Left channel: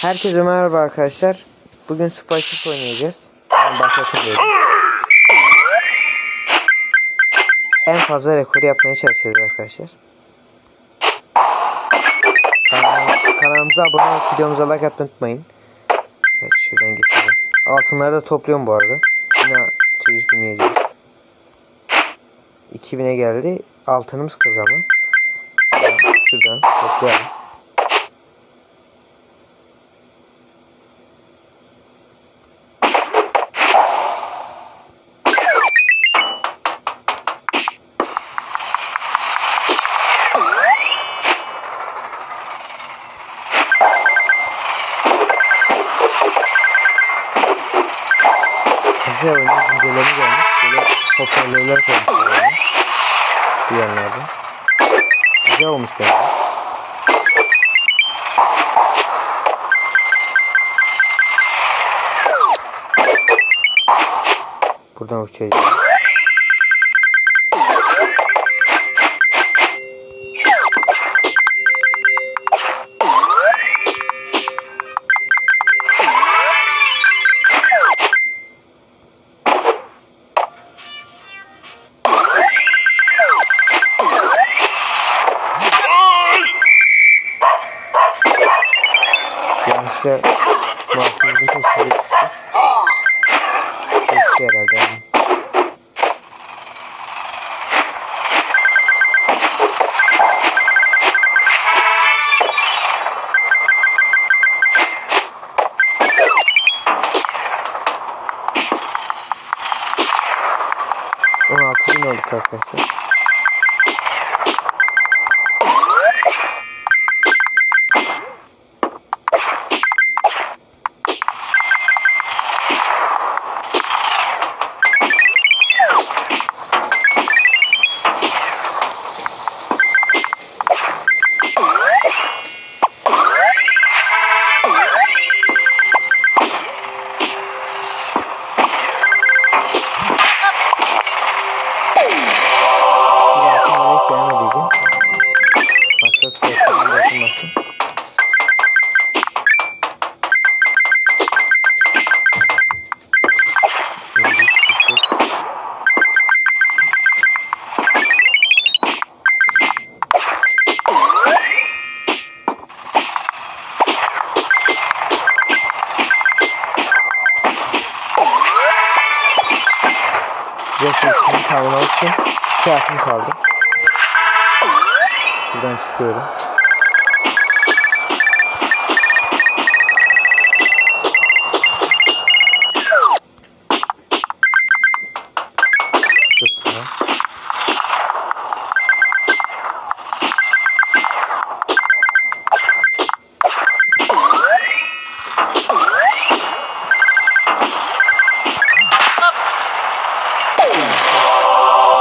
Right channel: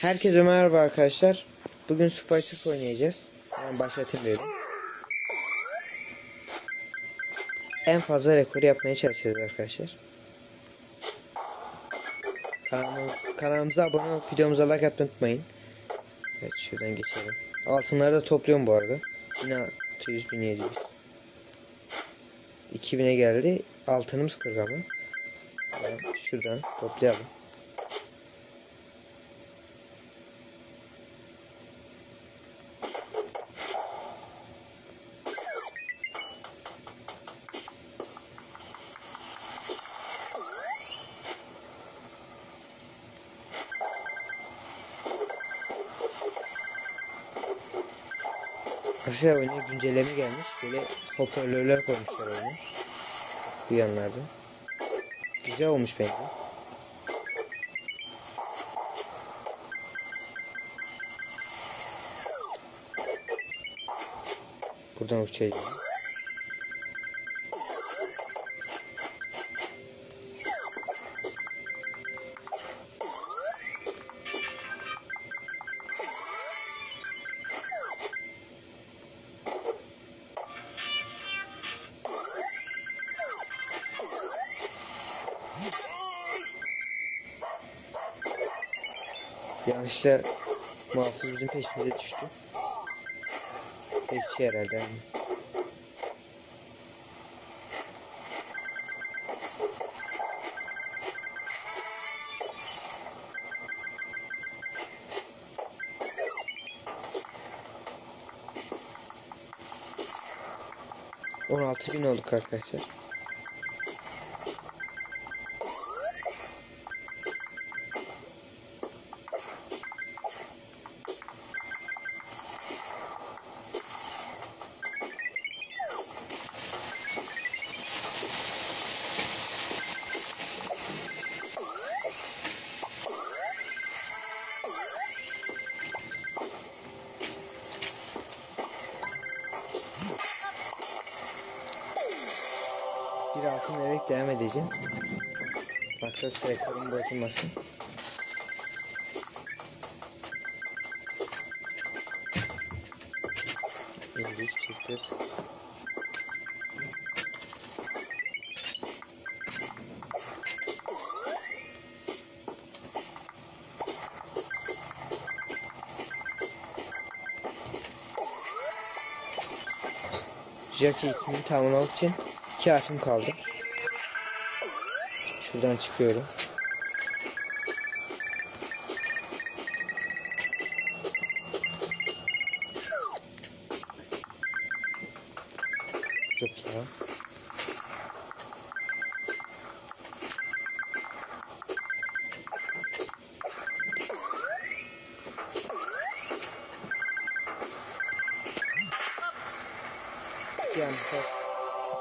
Herkese merhaba arkadaşlar. Bugün Spice oynayacağız. Ben başlatıyorum. En fazla rekoru yapmaya çalışacağız arkadaşlar. Kanalımıza abone olup videomuza like atmayı unutmayın. Evet, şuradan geçelim. Altınları da topluyorum bu arada. 1600, 1700. 2000'e geldi. Altınımız 40 ama. Şuradan toplayalım. Güzel oyuna güncelleme gelmiş. Böyle hoparlörler koymuşlar bu yanlarda. Güzel olmuş bence. Buradan uçacağız. Yanlışla mahsulümüzün peşine düştü. Geçti herhalde. $16.000 olduk arkadaşlar. Devam edeceğim. Maksat sayfalarına bırakılmasın. Jetpack'ini tamamlamak için 2 atım kaldı. Şuradan çıkıyorum. Zıpla.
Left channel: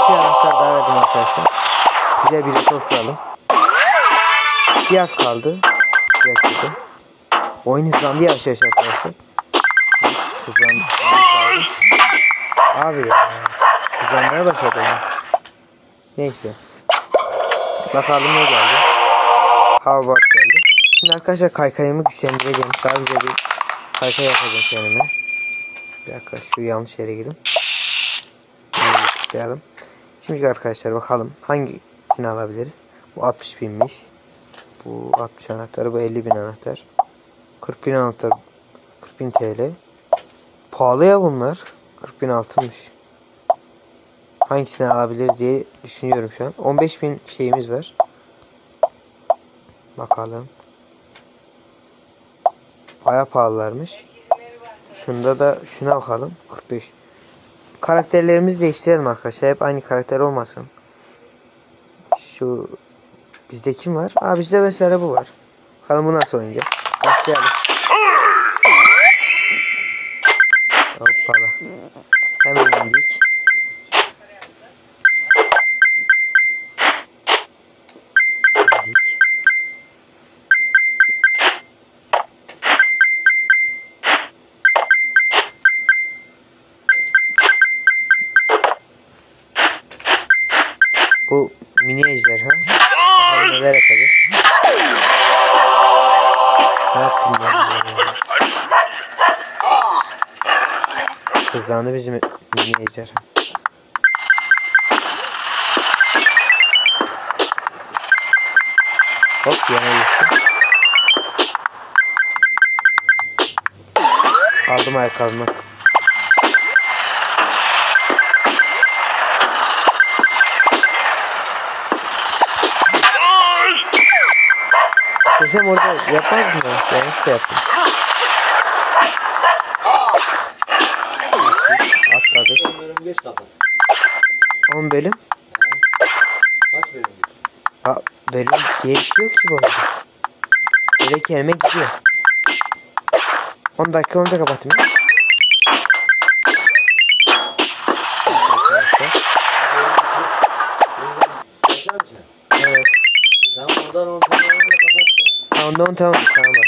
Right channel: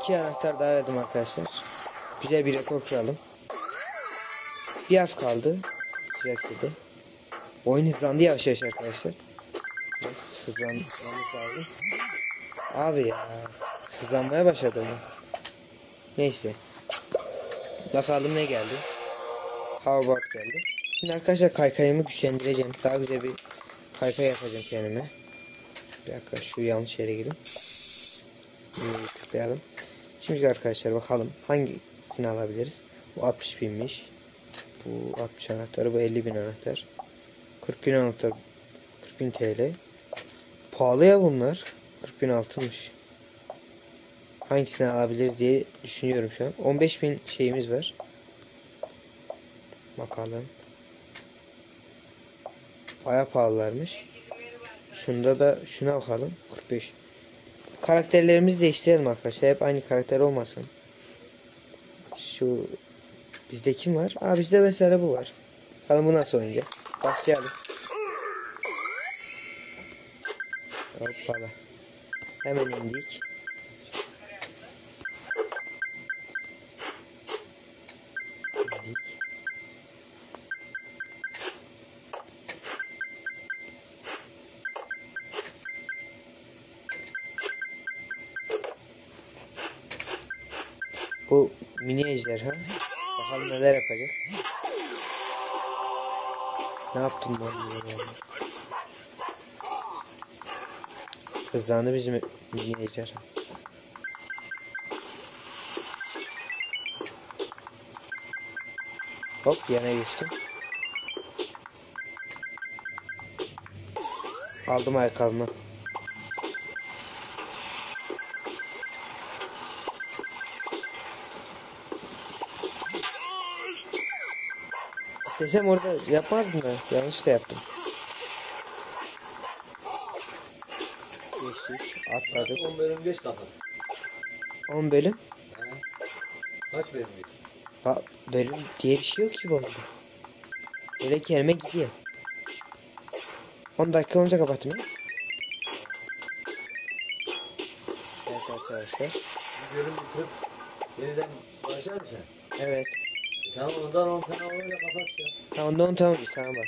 İki anahtar daha verdim arkadaşlar. Güzel bir rekor kuralım. Bir az kaldı. Bir dakika. Oyun hızlandı yavaş yavaş arkadaşlar. Hızlandı. Abi ya. Hızlanmaya başladı. Neyse. Bakalım ne geldi. Hoverboard geldi. Şimdi arkadaşlar kaykayımı güçlendireceğim. Daha güzel bir kaykay yapacağım kendime. Bir dakika, şu yanlış yere girdim. Tıklayalım. Şimdi arkadaşlar bakalım hangisini alabiliriz. Bu 60.000'miş. Bu 60 anahtarı, bu 50.000 anahtar. 40.000 anahtar, 40.000 TL. Pahalı ya bunlar. 40.000 altınmış. Hangisini alabiliriz diye düşünüyorum şu an. 15.000 şeyimiz var. Bakalım. Bayağı pahalılarmış. Şunda da şuna bakalım. 45. Karakterlerimizi değiştirelim arkadaşlar. Hep aynı karakter olmasın. Şu bizde kim var? Bizde mesela bu var. Bakalım bu nasıl oynayacak. Başlayalım. Hoppala. Hemen indik. Bu mini ejderha. Bakalım neler yapacak. Ne yaptım ben ya? Hızlandı bizim ejder. Hop yana geçtim. Aldım ayakkabımı. Desem orada yapmaz mı? Yanlış da yaptım. Atladık. 10 bölüm geç kapat. 10 bölüm. Kaç bölüm geç? Ha, bölüm diye bir şey yok ki bu arada. Böyle kelime gidiyor. 10 dakika olunca kapatayım ya. Başlar mısın? Evet. Tamam ondan 10 tane öyle kapatacağım. Tamam tamam bak.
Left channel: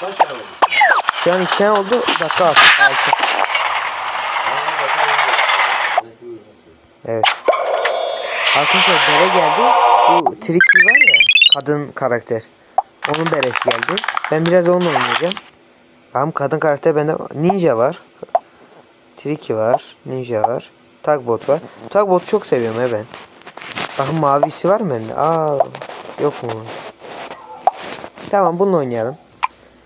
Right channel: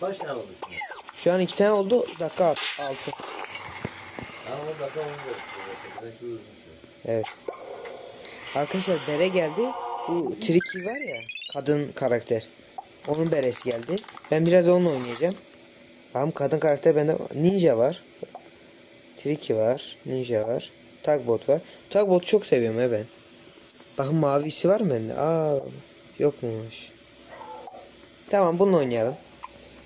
Kaç tane oldu? Şu an 2 tane oldu. Dakika 6. Tamam bakalım. Evet. Arkadaşlar bere geldi. Bu Tricky var ya, kadın karakter. Onun beresi geldi. Ben biraz onunla oynayacağım. Tamam, kadın karakter bende. Ninja var. Tricky var. Ninja var. Tagbot var. Tagbot'u çok seviyorum ya ben. Bakın mavisi var mı bende? Aa, yok mu? Tamam, bununla oynayalım.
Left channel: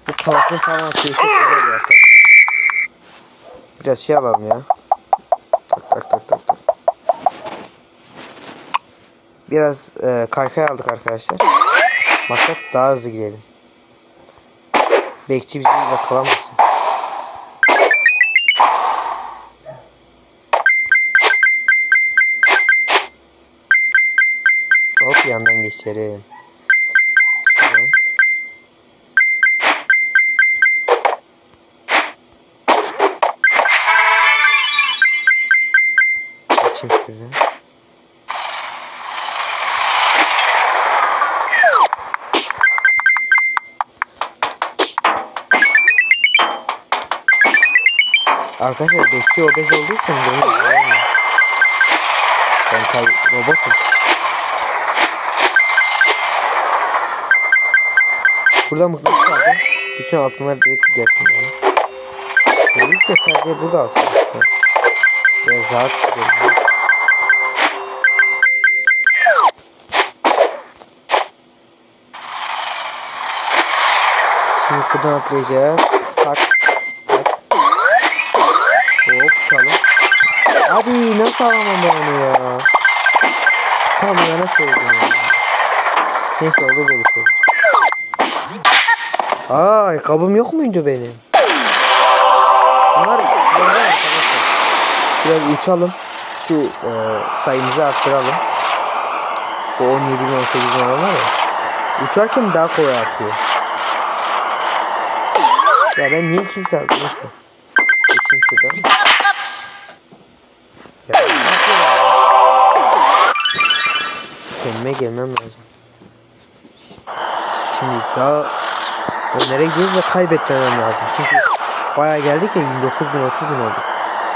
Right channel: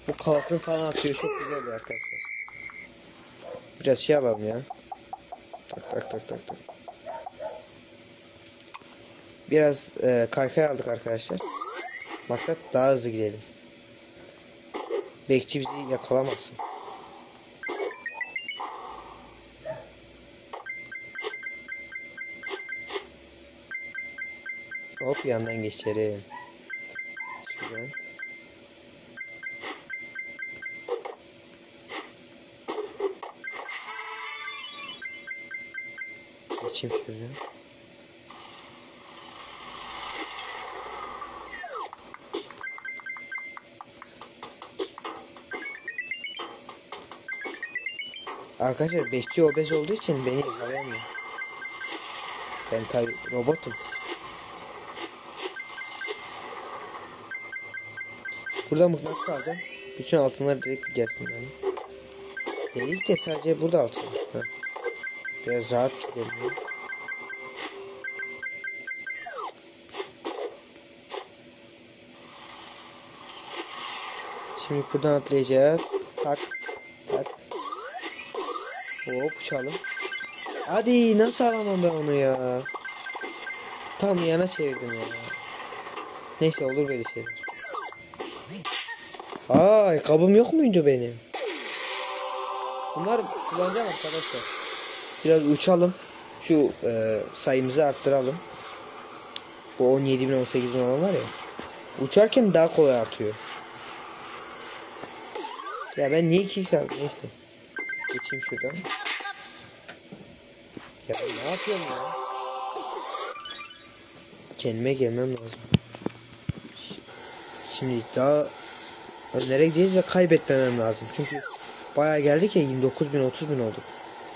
Bu kalkın falan atıyor. Çok güzel bir arkadaşlar. Biraz şey alalım ya. Tak. Biraz kaykay aldık arkadaşlar. Maksat daha hızlı gidelim. Bekçi bizi yakalamasın. Hop, yandan geçelim. Şuradan. Geçeyim şuradan. Arkadaşlar bekçi obez olduğu için beni yakalayamıyor. Ben tabi robotum. Burada mıknatıs aldım. Bütün altınlar direkt gelsin bana. İlk de sadece burada altın. Biraz rahat gidelim. Şimdi buradan atlayacak. Tak. Hop, uçalım. Hadi, nasıl alamam ben onu ya? Tam yana çevirdim ya. Neyse, olur böyle şeyler. Aa, ayakkabım yok muydu benim? Bunlar güzel arkadaşlar. Biraz uçalım. Şu sayımızı arttıralım. Bu 17.000 18.000 olan var ya. Uçarken daha kolay artıyor. Ya ben niye kill çaldım? Neyse. Geçeyim şuradan. Ya ne yapıyorum ya? Kendime gelmem lazım. Şimdi daha önlere gideceğiz ve kaybetmemem lazım. Çünkü bayağı geldik ya, 29.000 30.000 olduk.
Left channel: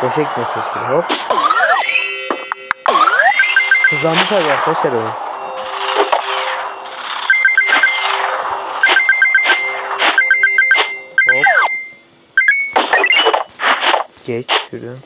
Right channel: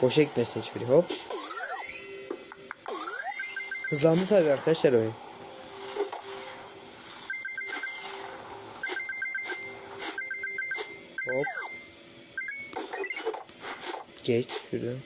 Boşa gitmesi hiçbiri. Hop. Hızlandı tabii arkadaşlar oyun. Hop. Geç şuradan.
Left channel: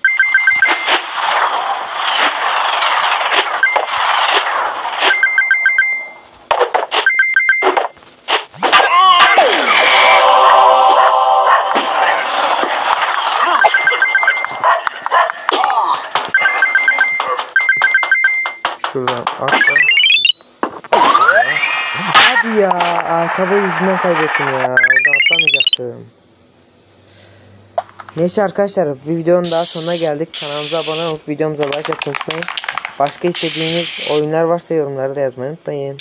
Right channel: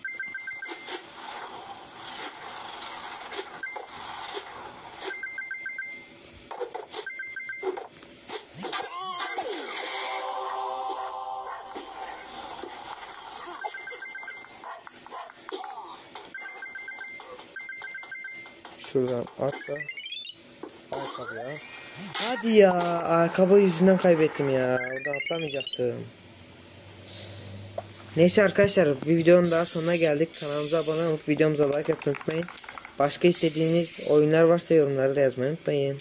Şuradan atla. Hadi ya, ayakkabı yüzünden kaybettim ya. Orada atlamayacaktım. Neyse arkadaşlar, bir videonun daha sonuna geldik. Kanalımıza abone olup videomuza like atmayı unutmayın. Başka istediğiniz oyunlar varsa yorumlarda yazmayı unutmayın.